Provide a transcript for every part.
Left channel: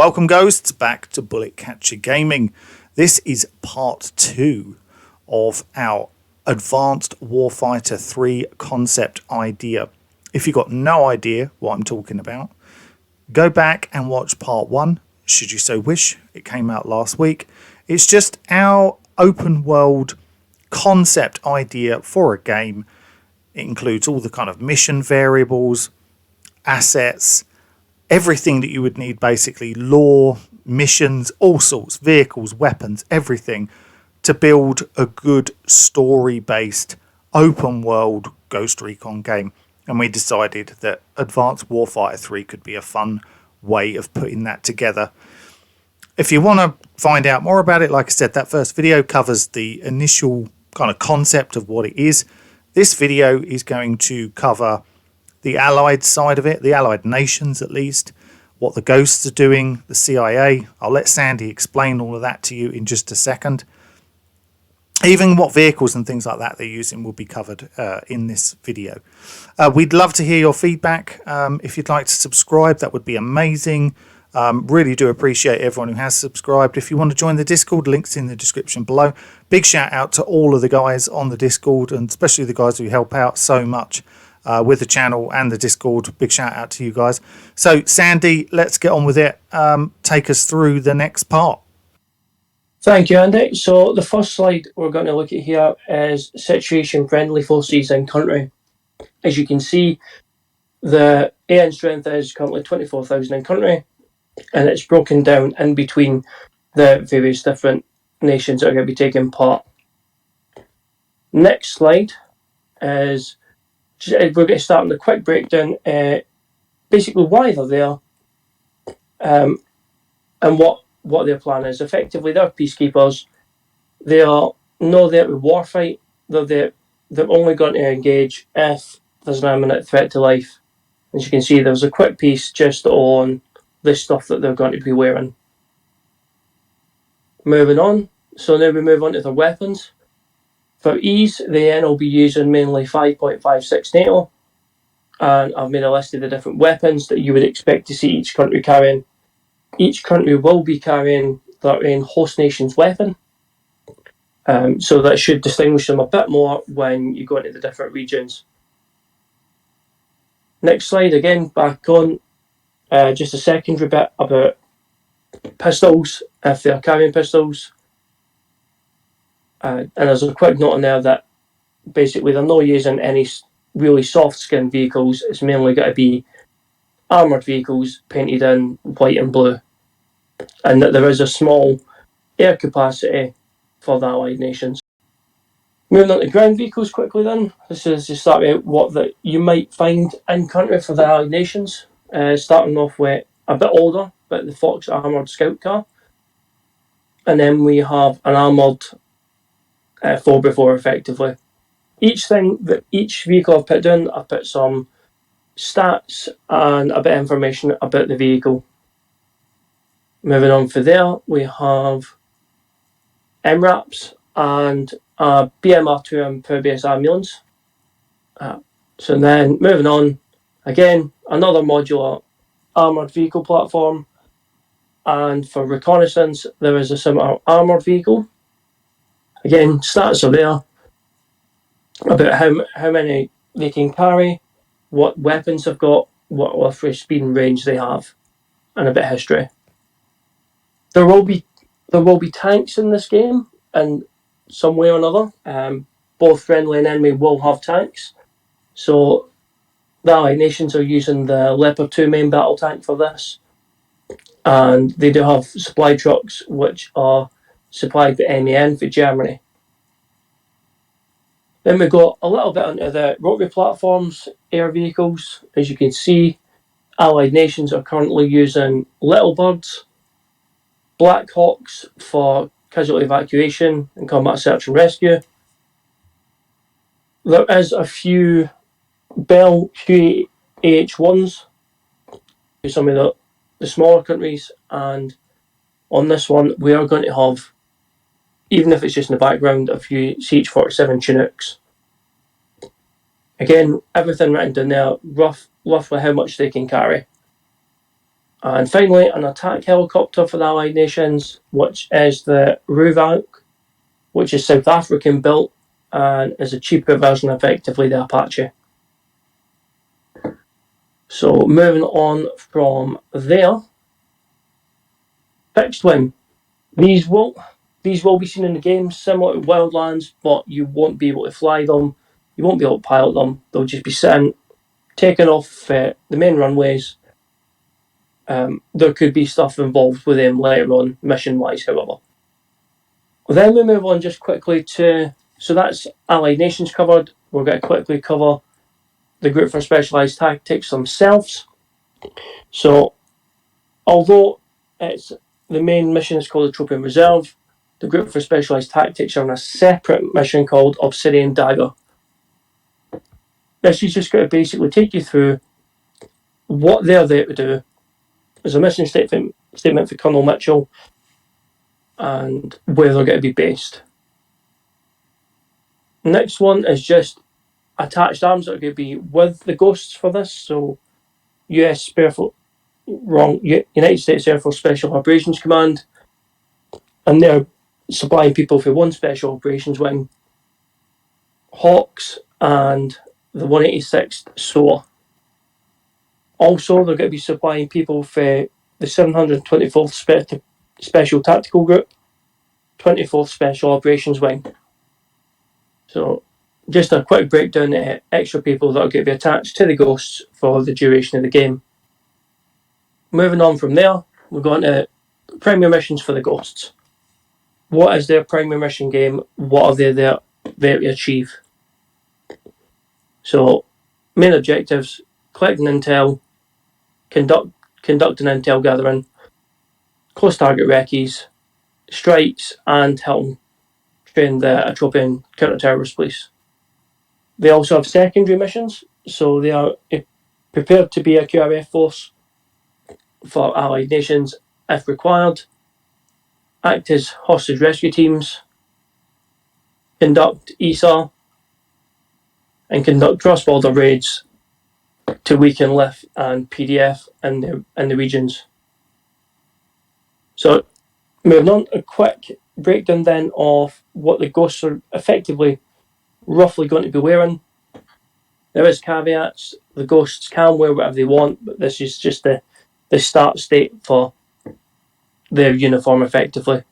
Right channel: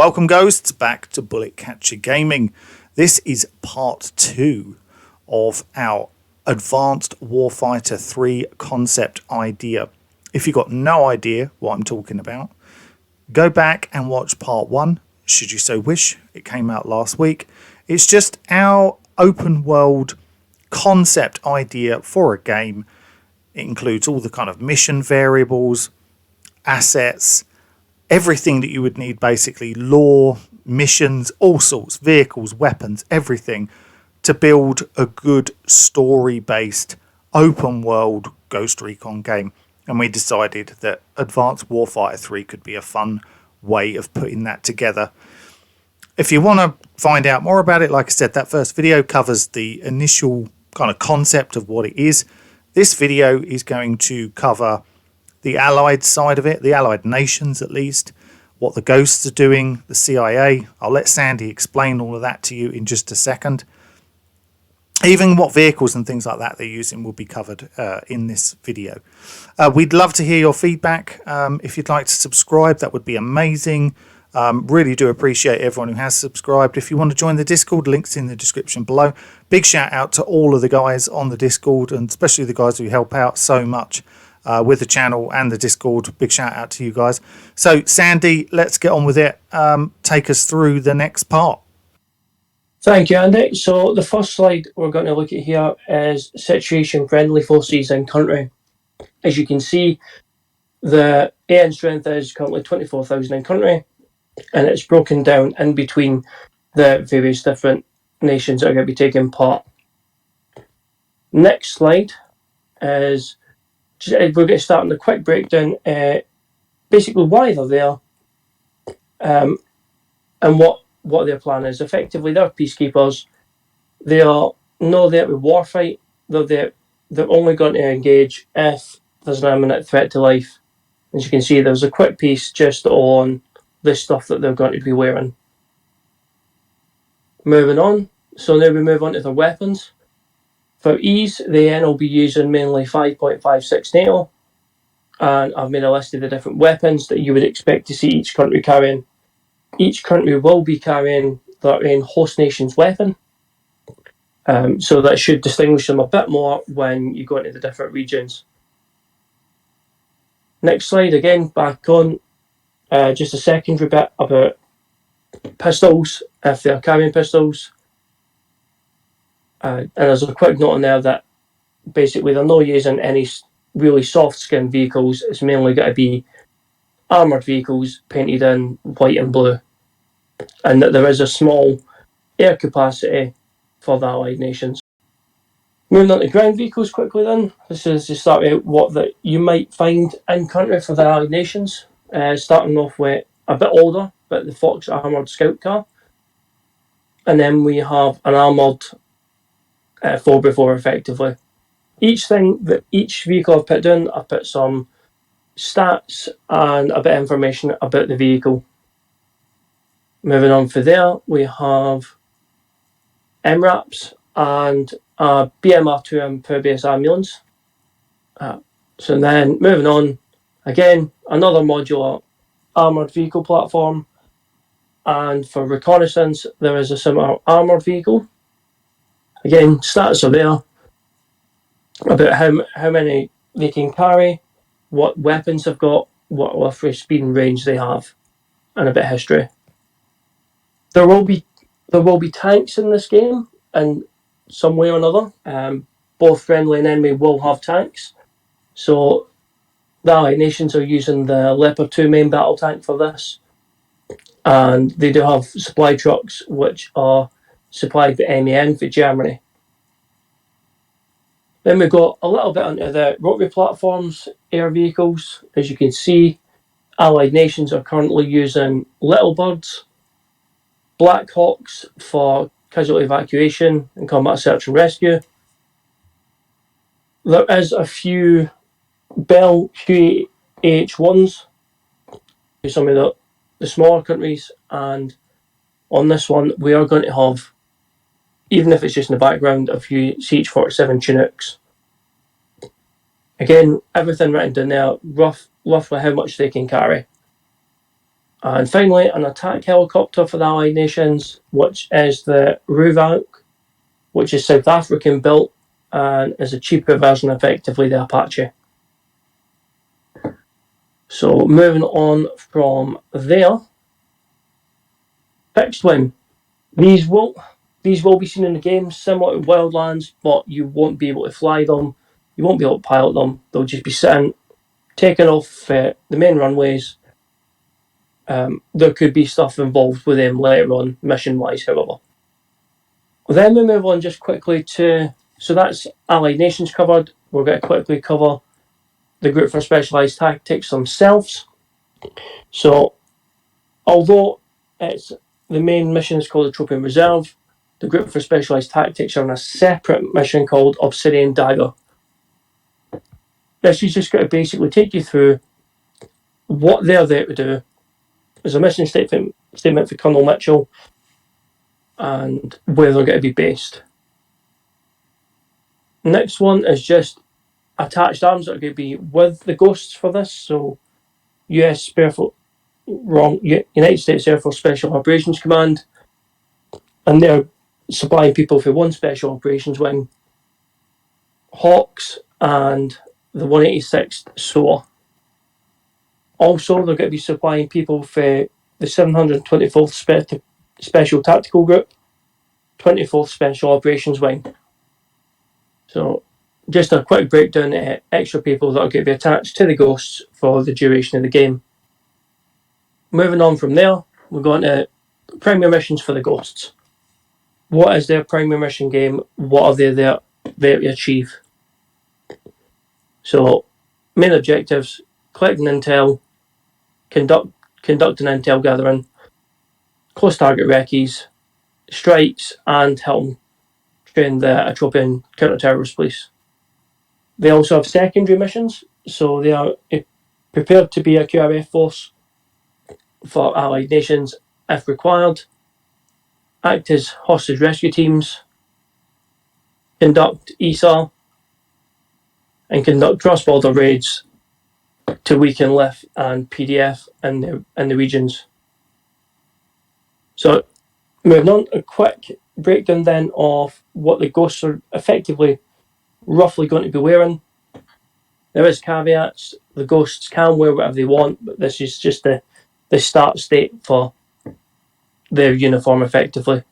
Welcome ghosts back to Bullet Catcher Gaming. This is part 2 of our Advanced Warfighter 3 concept idea. If you've got no idea what I'm talking about, go back and watch part 1, should you so wish. It came out last week. It's just our open world concept idea for a game. It includes all the kind of mission variables, assets, everything that you would need, basically lore, missions, all sorts, vehicles, weapons, everything to build a good story-based open world Ghost Recon game. And we decided that Advanced Warfighter 3 could be a fun way of putting that together. If you want to find out more about it, like I said, that first video covers the initial kind of concept of what it is. This video is going to cover the Allied side of it, the Allied nations at least, what the Ghosts are doing, the CIA. I'll let Sandy explain all of that to you in just a second. Even what vehicles and things like that they're using will be covered in this video. We'd love to hear your feedback. If you'd like to subscribe, that would be amazing. Really do appreciate everyone who has subscribed. If you want to join the Discord, links in the description below. Big shout out to all of the guys on the Discord, and especially the guys who help out so much with the channel and the Discord. Big shout out to you guys. So Sandy, let's get on with it. Take us through the next part. Thank you, Andy. So the first slide we're going to look at here is situation friendly forces in country. As you can see, the AN strength is currently 24,000 in country, and it's broken down in between the various different nations that are going to be taking part. Next slide is we're going to start on a quick breakdown, basically why they're there, and what their plan is. Effectively, they're peacekeepers. They are not there to warfight. They're only going to engage if there's an imminent threat to life. As you can see, there's a quick piece just on the stuff that they're going to be wearing. Moving on. So now we move on to their weapons. For ease, the N will be using mainly 5.56 NATO, and I've made a list of the different weapons that you would expect to see each country carrying. Each country will be carrying their own host nation's weapon, so that should distinguish them a bit more when you go into the different regions. Next slide, again, back on just a secondary bit about pistols, if they're carrying pistols. And there's a quick note on there that basically they're not using any really soft skin vehicles. It's mainly got to be armoured vehicles painted in white and blue. And that there is a small air capacity for the Allied nations. Moving on to ground vehicles quickly then. This is to start out what that you might find in country for the Allied nations. Starting off with a bit older, but the Fox armoured scout car. And then we have an armoured 4x4 effectively. Each vehicle I've put down, I've put some stats and a bit of information about the vehicle. Moving on for there, we have MRAPs and a BMR2 amphibious ambulance. So then moving on, again, another modular armoured vehicle platform. And for reconnaissance, there is a similar armoured vehicle. Again, stats are there about how many they can carry, what weapons they've got, what lift speed and range they have, and a bit of history. There will be tanks in this game in some way or another. Both friendly and enemy will have tanks. So the Allied nations are using the Leopard 2 main battle tank for this. And they do have supply trucks which are supplied by MAN for Germany. Then we got a little bit onto the rotary platforms, air vehicles. As you can see, Allied nations are currently using Little Birds, Black Hawks for casualty evacuation and combat search and rescue. There is a few Bell QAH-1s for some of the smaller countries, and on this one we are going to have, even if it's just in the background, a few CH-47 Chinooks. Again, everything written down there, roughly how much they can carry. And finally, an attack helicopter for the Allied nations, which is the RUVAC, which is South African built and is a cheaper version, effectively, the Apache. So moving on from there, fixed wing. These will be seen in the game, similar to Wildlands, but you won't be able to fly them. You won't be able to pilot them. They'll just be sitting, taking off the main runways. There could be stuff involved with them later on, mission-wise, however. Then we move on just quickly to, so that's Allied nations covered. We're going to quickly cover the Group for Specialised Tactics themselves. So, although it's the main mission is called the Tropian Reserve, the Group for Specialised Tactics are on a separate mission called Obsidian Dagger. This is just going to basically take you through what they're there to do. There's a mission statement for Colonel Mitchell and where they're going to be based. Next one is just attached arms that are going to be with the Ghosts for this. So, United States Air Force Special Operations Command, and they're supplying people for one Special Operations Wing, Hawks, and the 186th SOA. Also, they're going to be supplying people for the 724th Special Tactical Group, 24th Special Operations Wing. So, just a quick breakdown of extra people that are going to be attached to the Ghosts for the duration of the game. Moving on from there, we're going to primary missions for the Ghosts. What is their primary mission game? What are they there to achieve? So, main objectives: collecting intel, conducting intel gathering, close target recce's, strikes, and helping train the Atropian counter-terrorist police. They also have secondary missions, so they are prepared to be a QRF force for Allied nations if required, act as hostage rescue teams, conduct ESA, and conduct cross-border raids to weaken LIF and PDF in the regions. So, moving on, a quick breakdown then of what the Ghosts are effectively roughly going to be wearing. There is caveats. The Ghosts can wear whatever they want, but this is just the start state for their uniform, effectively.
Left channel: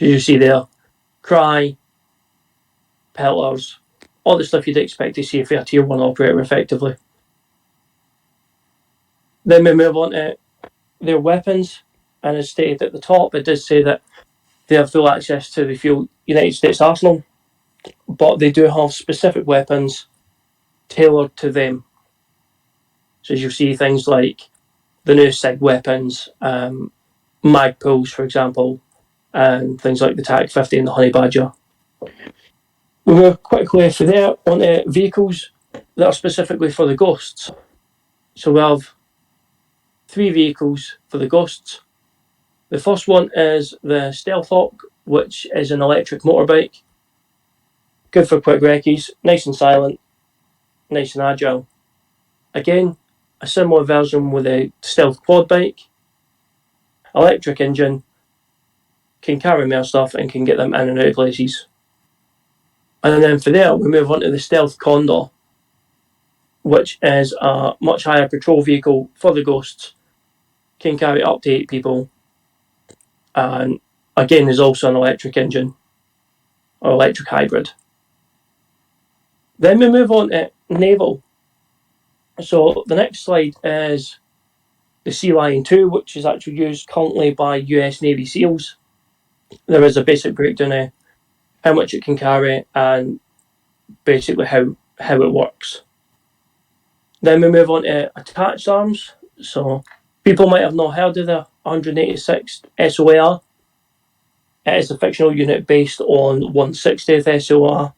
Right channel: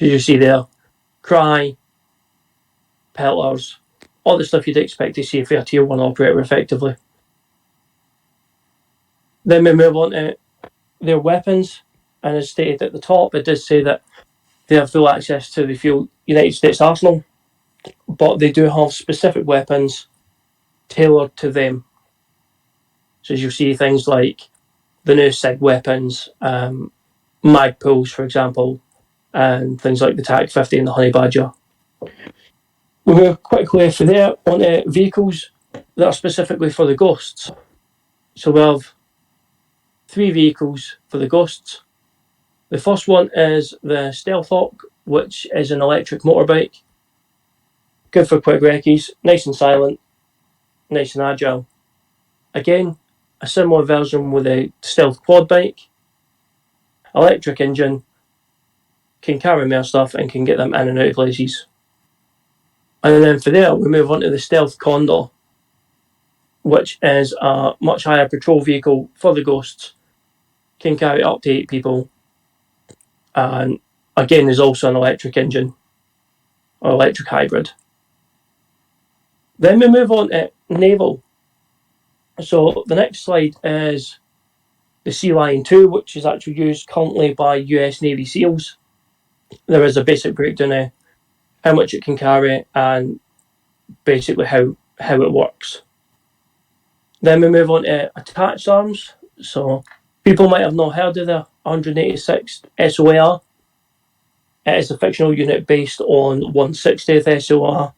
As you see there, cry, pelters, all the stuff you'd expect to see for a Tier 1 operator, effectively. Then we move on to their weapons, and as stated at the top, it does say that they have full access to the full United States arsenal, but they do have specific weapons tailored to them. So as you see, things like the new SIG weapons, mag pulls, for example, and things like the TAC-50 and the Honey Badger. We move quickly from there onto vehicles that are specifically for the Ghosts. So we have 3 vehicles for the Ghosts. The first one is the Stealth Hawk, which is an electric motorbike. Good for quick recce's, nice and silent, nice and agile. Again, a similar version with a Stealth quad bike. Electric engine, can carry more stuff and can get them in and out of places. And then from there, we move on to the Stealth Condor, which is a much higher patrol vehicle for the Ghosts. Can carry up to 8 people. And again, there's also an electric engine, or electric hybrid. Then we move on to naval. So the next slide is the Sea Lion 2, which is actually used currently by US Navy SEALs. There is a basic breakdown of how much it can carry and basically how it works. Then we move on to attached arms. So people might have not heard of the 186th SOAR. It is a fictional unit based on 160th SOAR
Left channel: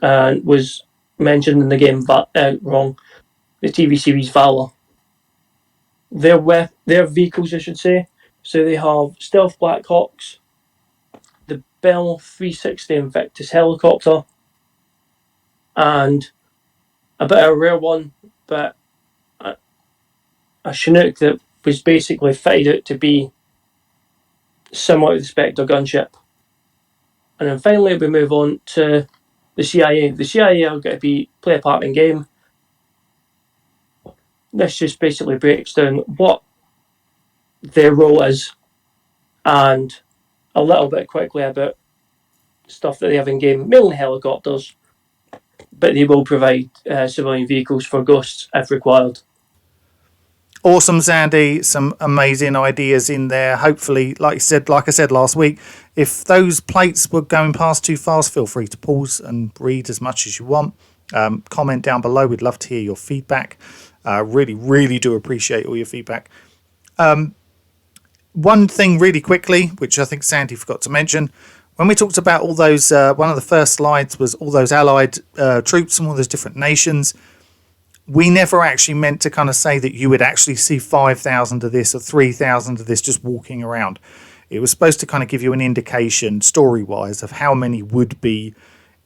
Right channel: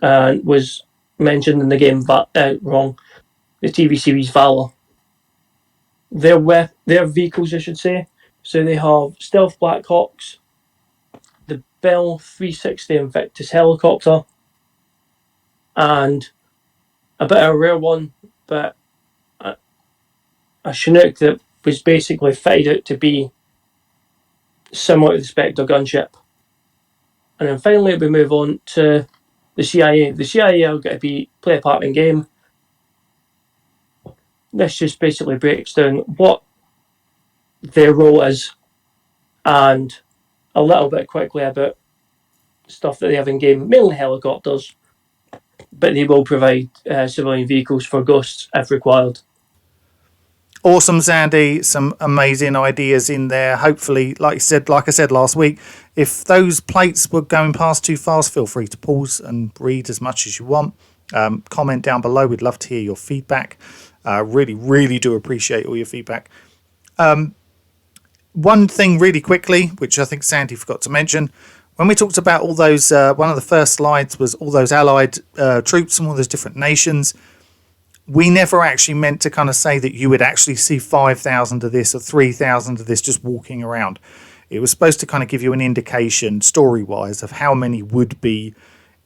and was mentioned in the game, the TV series Valor. Their vehicles, I should say. So they have Stealth Black Hawks, the Bell 360 Invictus helicopter, and a bit of a rare one, but a Chinook that was basically fitted out to be similar to the Spectre gunship. And then finally we move on to the CIA. The CIA are going to play a part in game. This just basically breaks down what their role is and a little bit quickly about stuff that they have in game, mainly helicopters, but they will provide civilian vehicles for ghosts if required. Awesome, Sandy. Some amazing ideas in there. Hopefully, like I said last week, if those plates were going past too fast, feel free to pause and read as much as you want. Comment down below. We'd love to hear your feedback. Really, really do appreciate all your feedback. One thing really quickly, which I think Sandy forgot to mention, when we talked about all those, one of the first slides was all those allied troops from all those different nations. We never actually meant to kind of say that you would actually see 5,000 of this or 3,000 of this just walking around. It was supposed to kind of give you an indication, story-wise, of how many would be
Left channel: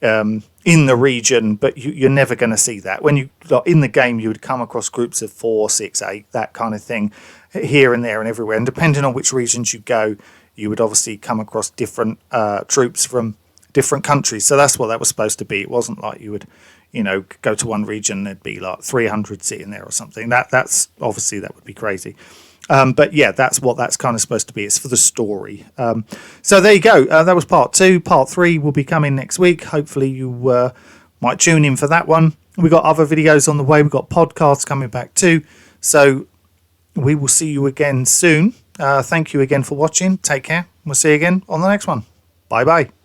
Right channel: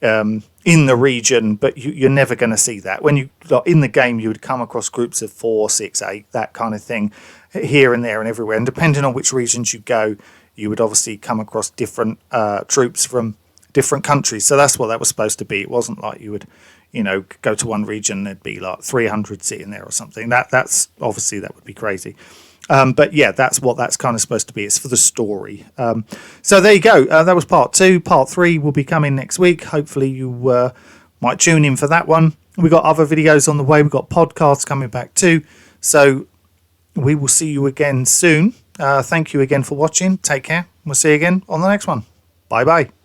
in the region, but you're never going to see that. When you in the game, you would come across groups of 4, 6, 8, that kind of thing, here and there and everywhere. And depending on which regions you go, you would obviously come across different troops from different countries. So that's what that was supposed to be. It wasn't like you would, go to one region, there'd be like 300 sitting there or something. That's obviously, that would be crazy. But yeah, that's what that's kind of supposed to be. It's for the story. So there you go. That was part 2. Part 3 will be coming next week. Hopefully you might tune in for that one. We've got other videos on the way. We've got podcasts coming back too. So we will see you again soon. Thank you again for watching. Take care. We'll see you again on the next one. Bye bye.